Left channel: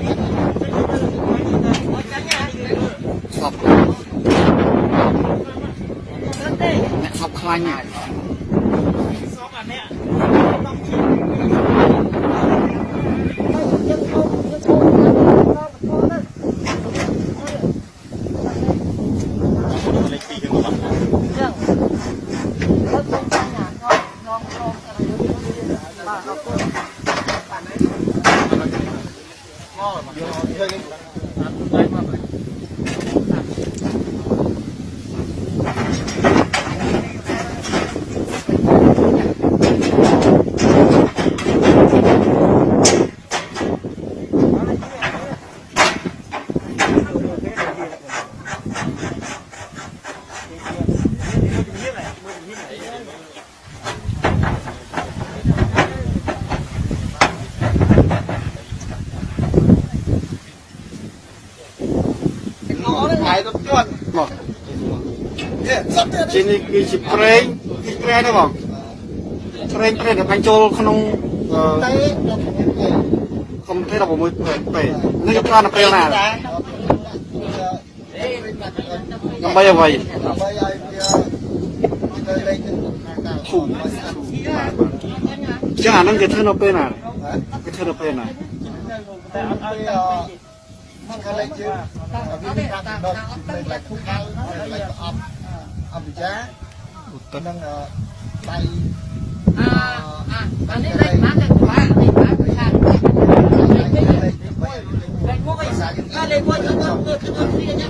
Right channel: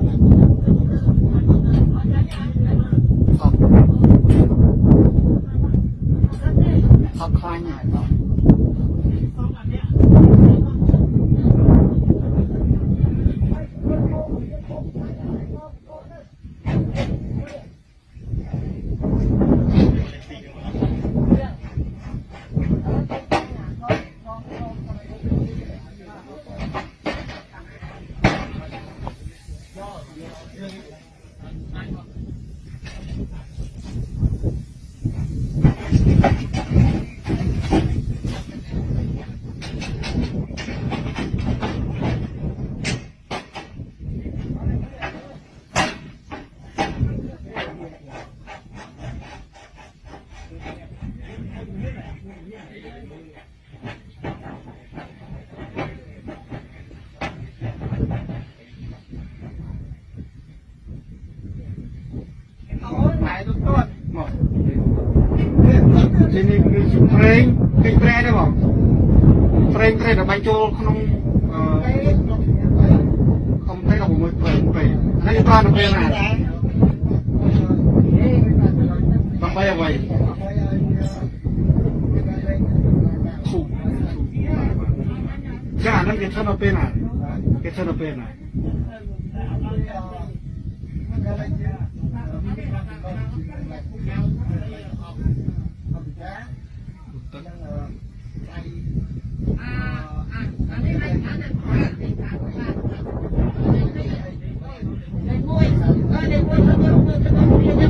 สอบเนี่ยสอบคลายเนี่ยจีนี่คือจิเพลงคือเพลงได้บ่เพลงแต่บรรจุขนมคอมเพลงเราบ่มือเปิดนี่ก็ปลาเพลงน่ะลำใบเอาไว้ถูกจ้านั่นจะเท่าเป็นน่ะจะเท่าเป็นน่ะเขาเลยชื่อวิธีการดอกเป็นอะไรทุกอย่างอะไรก็อับจ้านั่งไปอันนี้เลยมาจากว่าในบ้านประชาชนเลยมวยก็เลยมวยเขาต้องเรียน